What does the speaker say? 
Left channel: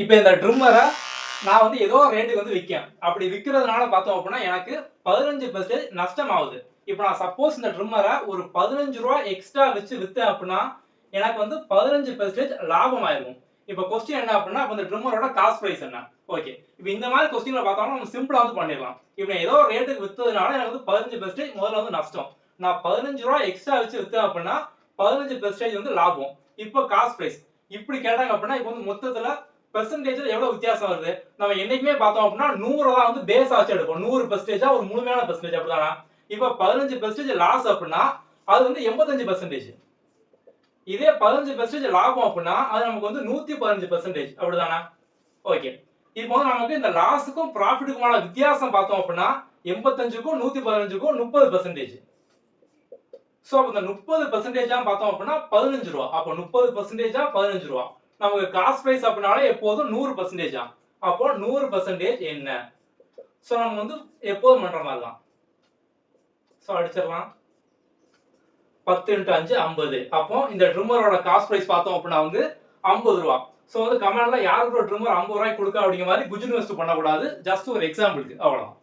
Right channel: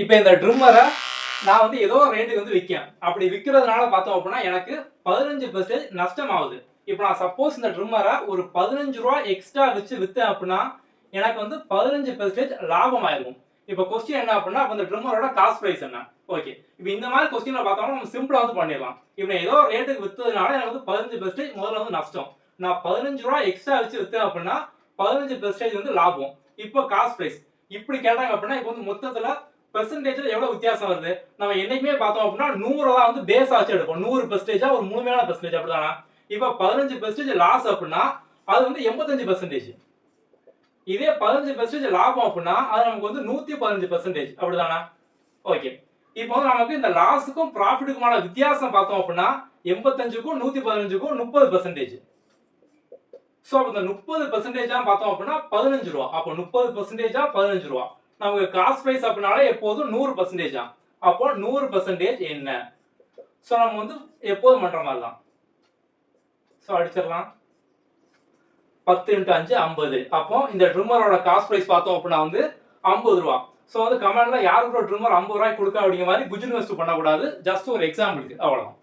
இப்போ இந்த ட்ரிம்மரை நான் வந்து ஏதோ ரேட்டுக்கு வந்து விற்கேன். அப்படி விற்கிறதுனால பார்த்தோம் அப்படின்னா எனக்கு 15% நஷ்டம் ஆகுது. இப்போ நான் சப்போஸ் இந்த ட்ரிம்மரை ஒரு ரூ. 15 எக்ஸ்ட்ரா வச்சு வித்தேன் அப்படின்னா எனக்கு வந்து 15% லாபம் ஆயிருக்கும். இப்போ கொஸ்டின் என்ன அப்படின்னா அப்ப இந்த ட்ரிம்மரோட காஸ்ட் பிரைஸ் என்ன? ஓகே. இப்போ இந்த மாதிரி கொஸ்டின்ல பார்த்தோம்னா நம்ம சிம்பிளா வந்து பண்ணிடலாம். இப்போ ஏதோ ரேட்டுக்கு வித்ததுனால எனக்கு வந்து 15% முதல்ல வந்து நஷ்டம். நான் ரூ. 15 எக்ஸ்ட்ரா வச்சு வித்தேன் அப்படின்னா 15% வந்து லாபம். இப்போ காஸ்ட் பிரைஸ். இப்படி கேட்டாங்க அப்படின்னா இப்போ வந்து மொத்தத்துல பெர்சன்டேஜ்ல எவ்வளவு வித்தியாசம் வருது? நம்ம என்னைக்குமே பார்த்தோம் அப்படின்னா 100 தான் வந்து பேஸ் ஆச்சு எடுப்போம். 100% ஒரு முழுமையான பெர்சன்டேஜ் அப்படிதானா? இப்போ 15% லாஸ் அப்படின்னா அது வந்து 85%. இதே 15% லாபம் அப்படின்னா அது நமக்கு வந்து 115% அப்படிதானா? ஓகே. இப்போ நமக்கு இந்த லாஸுக்கும் ப்ராஃபிட்டுக்குமான வித்தியாசம் பார்த்தோம் அப்படின்னா 85க்கும் 115க்கும் 30%. சோ அப்ப இந்த 30% பார்த்தோம் அப்படின்னா ரூ. 15. அப்போ 30% ரூ. 15. நமக்கு காஸ்ட் பிரைஸ் அப்படினாலே எப்போதும் 100%. அப்போ 100% என்ன? சோ நம்ம வந்து எப்போதும் பண்ற மாதிரி தான். சோ அடிச்சிடலாம். 10 × 5 50. அப்போ இந்த ட்ரிம்மரோட காஸ்ட் பிரைஸ் பார்த்தோம் அப்படின்னா வந்து ரூ. 50. சோ வந்து கமெண்ட்ல யாருக்கு ட்ரிம்மர் ரூ. 50 கொடுக்க அப்படிங்கிற மாதிரி குஜின் வெஸ்ட் பண்ணக்கூடாது. ஜஸ்ட் ஒரு எக்ஸாம்பிளுக்கு அவ்வளவுதான்.